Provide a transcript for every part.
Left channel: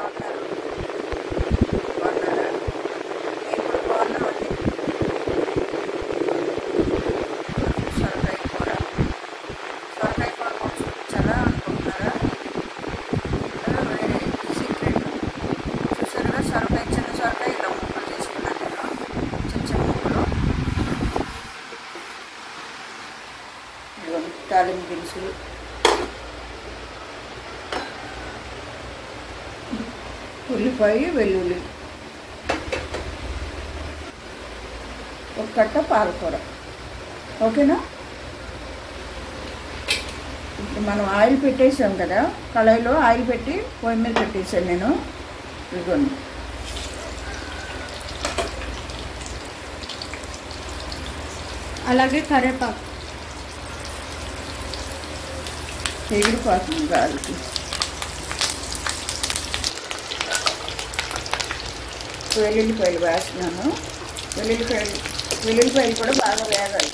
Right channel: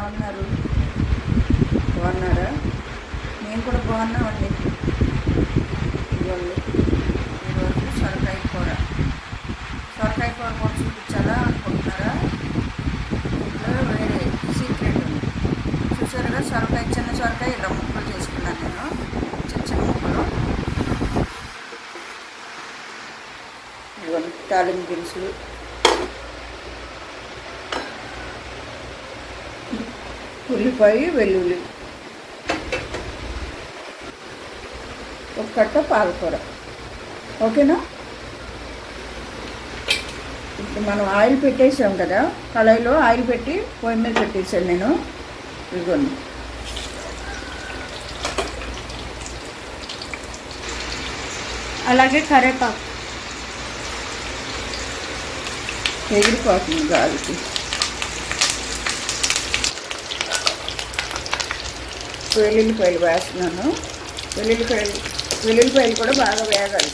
ఎలా ఉన్నారు? బాగున్నారా? నేను కూడా బాగున్నామండి. ఈరోజు సొరకాయ కూర కూడా చూపించాలా అనుకుంటున్నారా? ఇంట్లో వేరే సీక్రెట్ చూసారుగా, సొరకాయ చిన్న సొరకాయ ఇలా ముక్కలు చేసుకున్నాను నేను, చిన్న చిన్న ముక్కలు. తాలింపు దినుసులు, ఉల్లిపాయ, వెల్లుల్లి, ఒక కట్ట పాలకూర. ఓకేనా? ఇప్పుడు మనం ఆయిల్ పెట్టేసాం కదా, కళాయిలో ఆయిల్ పెట్టి పొయ్యి మీద పెట్టేసాను నేను. ఇదిగోండి, అలాగే కరివేపాకు ఎగిరిపోతుంది గాలికి. వెల్లుల్లిపాయలు వేస్తున్నాను. వెల్లుల్లిపాయలు కూడా బాగా వేగాలి.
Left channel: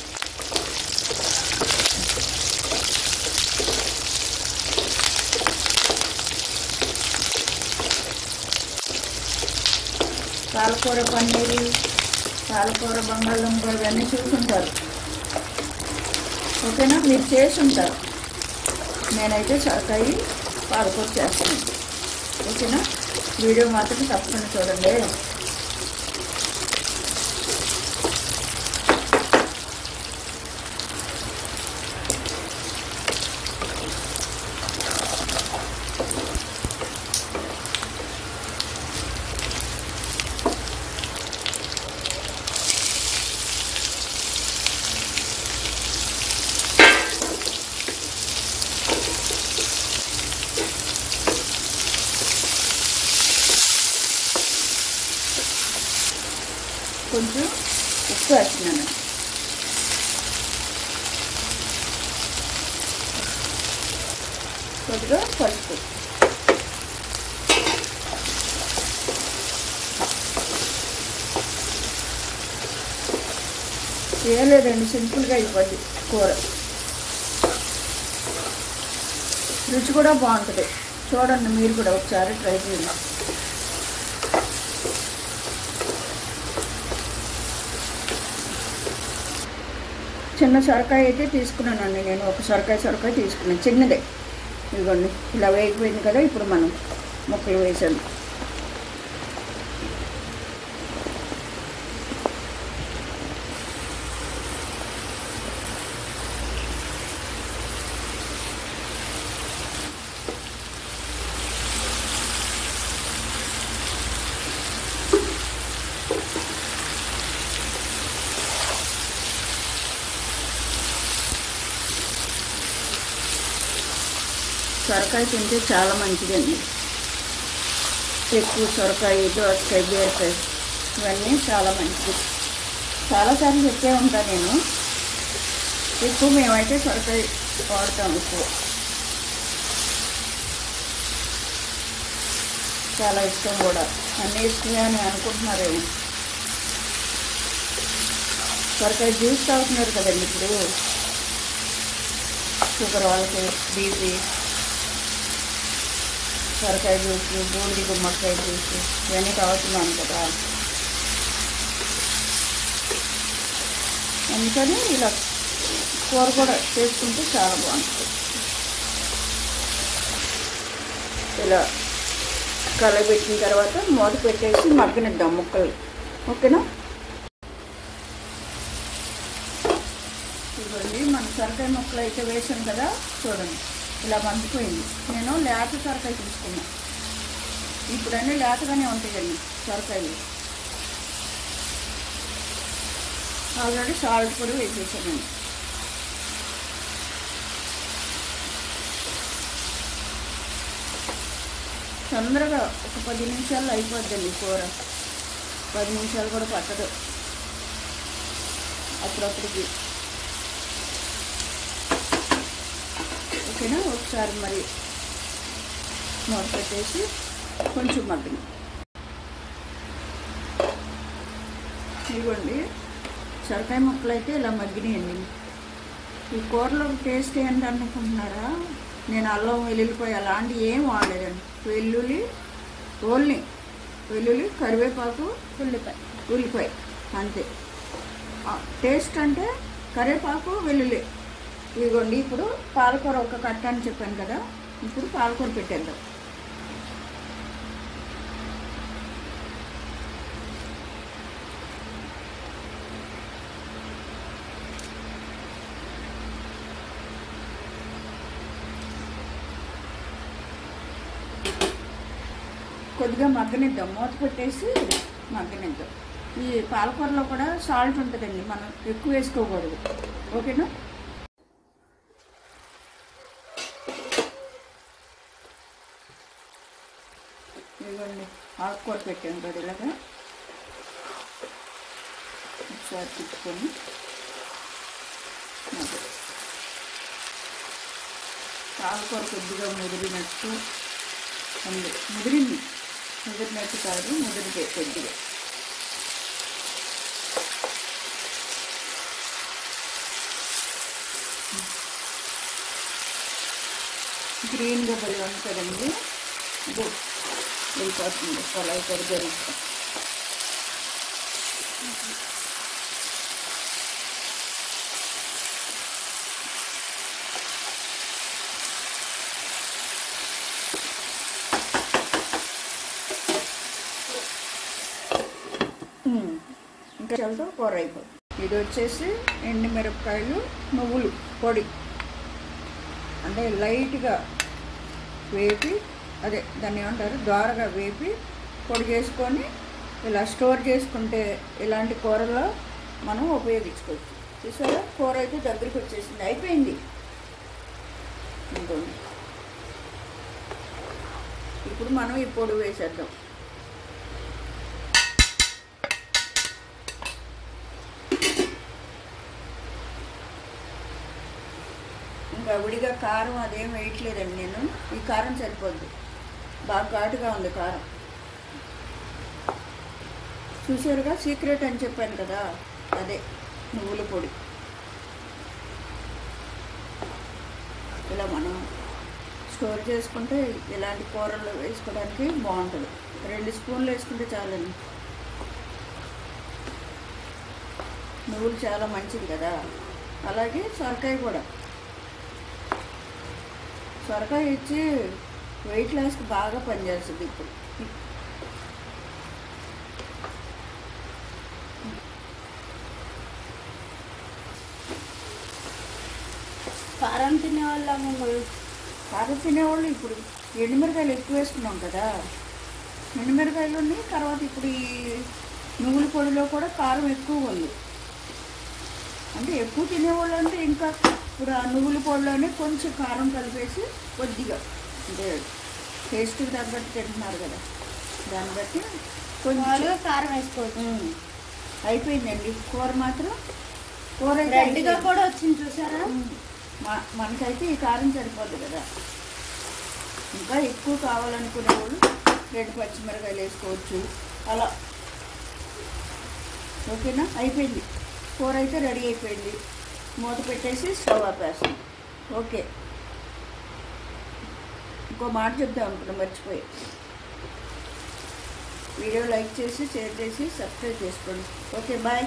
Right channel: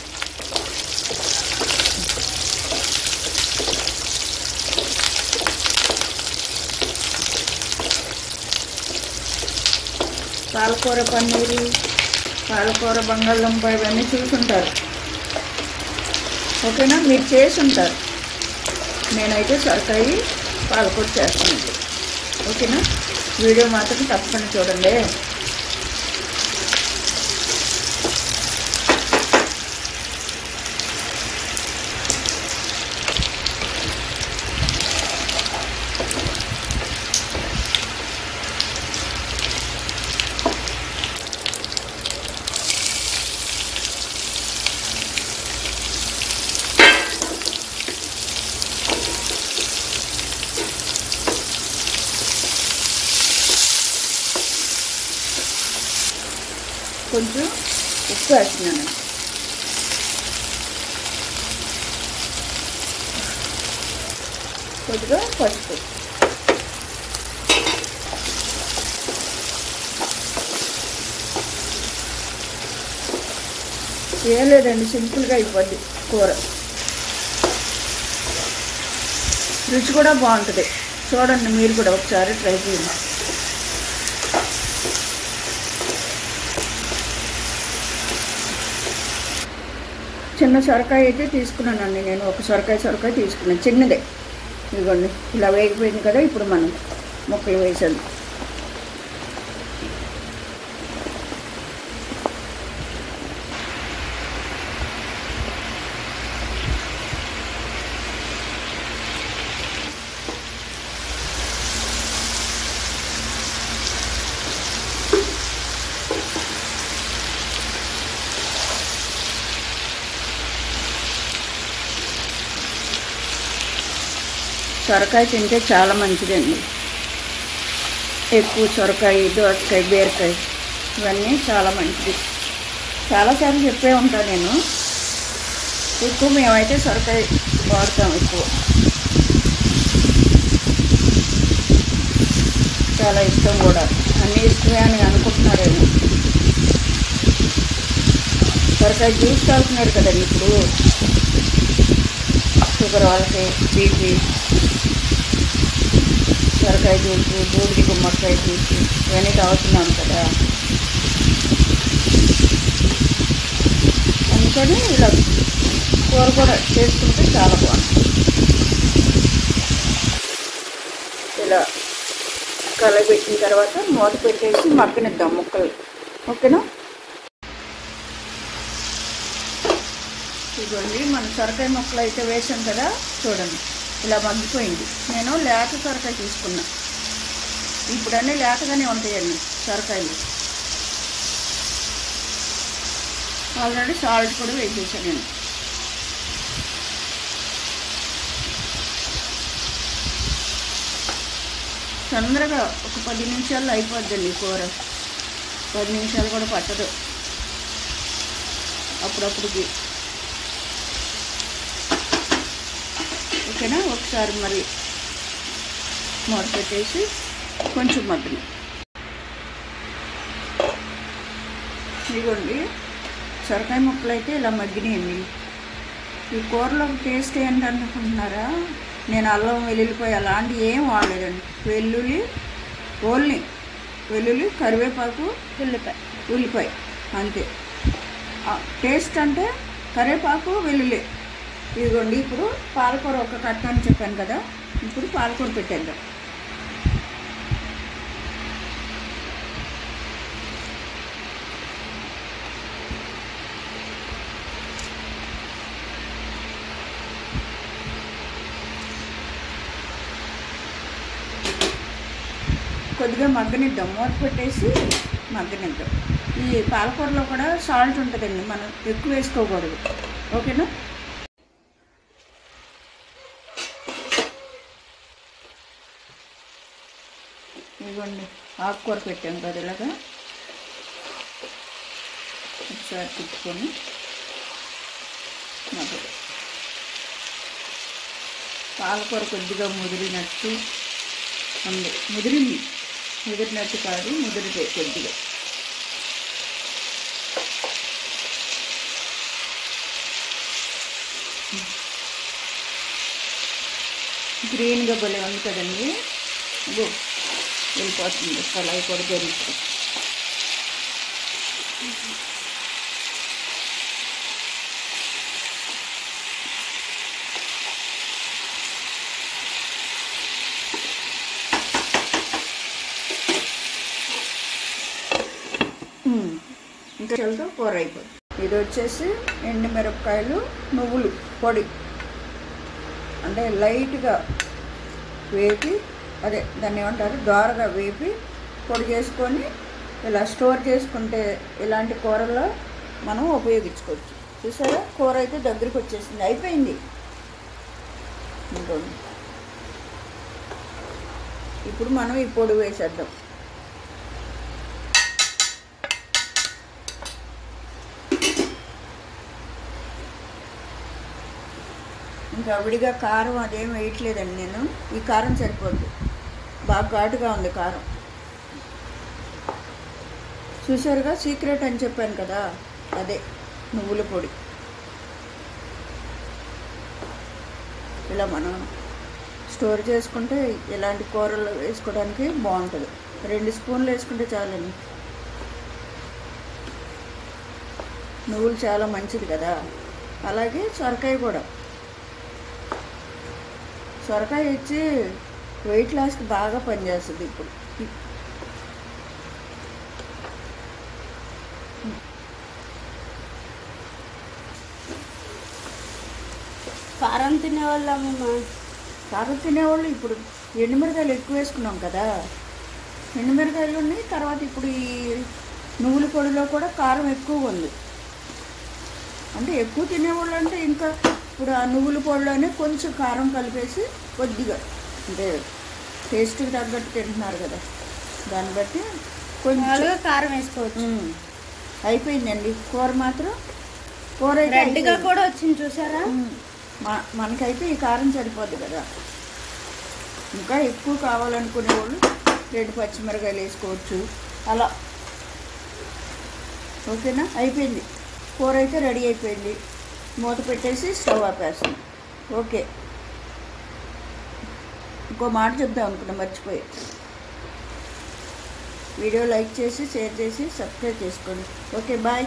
పాలకూర పన్నీరు, పాలకూర బంగాళదుంప ఇవన్నీ చూసుంటారు. ఓకేనా? మీరు చేసి ఉంటారు. నేనైతే సొరకాయ పాలకూర చేస్తాను. ఓకేనా? వీడియో మాత్రం తప్పకుండా చూడండి. కొంచెం ఉప్పు వేస్తున్నాను. కొద్దిగా పసుపు. ఏం లేదండి, సింపుల్గా అయిపోద్ది కూర. రుచి కూడా బాగుంటుంది. చూడండి, మీరు కూడా ఒకసారి ట్రై చేయండి. చిన్న సొరకాయ అయితే తీసుకున్నానండి నేను. ఒక సొరకాయ తీసుకున్నాను, చిన్నదే. ఇదిగోండి, ఇలా వేగిపోయింది కదా. ఇప్పుడు మనం ముక్కలు వేసాము. సొరకాయ తింటే చాలా మంచిదండి. ఎక్కువ సొరకాయ, దోసకాయ, బీరకాయ ఇవన్నీ చాలా మంచిది. చాలాసార్లు చెప్పే ఉంటాను నేను. ఎక్కువ మేమైతే సొరకాయ వాడతాం ఎక్కువ. చాలా ఇష్టం కూడా. అన్నీ ఇష్టమే అని అనుకుంటున్నారేమో. సొరకాయ జ్యూస్ తాగుతున్నారు కదండి ఇప్పుడు. షుగర్ వాళ్ళకి, బీపీ, సొరకాయ జ్యూస్, బూడిది గుమ్మడికాయ జ్యూస్ ఇవన్నీ తాగుతున్నాం కదా. అందుకని ఇలా కూర కూడా చేసుకుంటే చాలా బాగుంటుంది. ఇలా కలబెట్టిన తర్వాత మూత పెట్టేసి మగ్గనిద్దాం ముక్కలు. ఓకేనా? ఇదిగోండి, మన సొరకాయ ముక్కలు అయితే వేసాం కదా. చూడండి, ఇలా మగ్గిపోయింది. నేను లేత సొరకాయ తీసుకున్నా. ఇప్పుడన్నీ లేతగానే ఉంటాయండి సొరకాయలు. ఆల్రెడీ సాల్ట్ కూడా వేసేసానండి. తొందరగా ఒక 10 నిమిషాల్లో అయిపోద్దండి కూర. 10 నిమిషాలు కూడా పట్టదు అప్పుడప్పుడుకి. ఓకేనా? ఒకసారి మరి మూత పెట్టేసి కొంచెం మగ్గని. ఇదిగోండి, సొరకాయ ముక్కలు అయితే ఇలా మగ్గినాయండి. ఈ కూరలో టేస్ట్ ఏంటనుకుంటున్నారా? నేను అల్లం, వెల్లుల్లిపాయ అలాంటివి ఏం వాడలేదండి. వెల్లుల్లి, ఓన్లీ వెల్లుల్లి, కరివేపాకు, ఉల్లిపాయ అంతే. టేస్ట్ అంటే కరివేపాకు, వెల్లుల్లి. ఇదిగోండి. ఇప్పుడు పాలకూర ఒక కట్ట అని చెప్పాను కదా, ఇప్పుడు పాలకూర పెట్టేద్దాం. కొద్దిగా మగ్గనిద్దాం, మూత పెట్టేసి మగ్గనిద్దాం. ఈ పాలకూరలో కూడా సాల్ట్ ఉంటుందండి, మనం ఎక్కువ వేసుకోకూడదు. ఓకేనా? ఇవ్వండి, ఆకుకూర పెట్టాము కదా ఇలాగా ఒకసారి తిప్పుకొని పాలకూర కొద్దిగా ముదిరినట్టు ఉంది. ముదిరినట్టు కాదు, ముదిరితే కొద్దిగా. గ్రీన్గా భలే ఉంది కదండి. ఇదో వెళ్ళిపోతుంది కళాయి కూడా జరుగుతుంది. ఇంకా చల్లతో కూర అయిపోతుంది. ఇది వచ్చేసి ఎండుమిరపకాయలు, నువ్వులు పొడి, అంటే లైట్గా వేపి, అదే దాన్ని ఏమంటారు, దోరగా వేపి పొడి చేసుకొని ఇలా స్టోర్ చేసుకుంటే ఇలాంటి కూరల్లో మనం ఉపయోగించుకోవచ్చు. చూసారా, కూర అయితే దగ్గరికి వచ్చేసింది, అయిపోయింది. ఇంకోండి, ఇప్పుడు మనం ఈ పొడి వేసేద్దాం. ఇంకా విడిగా కారం అదేం వేయట్లేదండి నేను, ఈ కారం సరిపోద్ది, బాగా ఘాటుగా ఉంది కారం. చూసారుగా, సీక్రెట్ అని చెప్పాను కదా, అదే నువ్వుల పొడి. ఇలా మనం స్టోర్ చేసుకుంటే ఇలాంటి కూరలు వేసుకోవడానికి బాగుంటుంది. 2 స్పూన్లు వేసుకుంటే చాలండి. నువ్వులు చాలా మంచిది కదా. అలాగే సొరకాయ కూడా, సొరకాయ ఇచ్చి వెయిట్ లాస్కి బాగా పనిచేస్తుంది. ఇప్పుడు కారం తినేవాళ్ళు మేము, కారం తినేవాళ్ళు ఇప్పుడు ఎండుమిరకాయలు ఎక్కువ వేసుకున్నాం కదా, ఎండుమిరకాయలు ఉన్నాయి. తర్వాత ఇప్పుడు ఈ నువ్వుల పొడిలో కూడా కారం ఎక్కువ ఉంది. అంటే ఎక్కువ తినేవాళ్ళు అంటే ఇంకా ఇప్పుడు ఆ నువ్వుల పొడిలోనే కొంచెం కారం కలిపేసి కొద్దిగా, అంటే టేస్ట్కి తగ్గట్టు తింటున్నారు కదా, దాన్ని బట్టి కొంచెం కారం వేసుకోవచ్చు. అయిపోయిందండి కూర మాత్రం. కూర రెడ్గా కూడా వచ్చింది చూసారా. మనకైతే ఈ కారం సరిపోద్ది కదా. ఇంకా ఎక్కువ కావాలనుకునే వాళ్ళు 2 పచ్చిమిరకాయలు వేసుకోవచ్చు అలా. ఓకేనా, అయిపోయింది. కూర అయితే రెడీ అయిపోయింది. మూత పెట్టేసి స్టవ్ ఆపేస్తాం. ఓకే, ఇంకో మాట చెప్దాం అనుకున్నా, మర్చిపోయి. వీడియో లైక్ చేసి, షేర్ చేసి, సబ్స్క్రైబ్ చేసుకోండి. Okay, bye.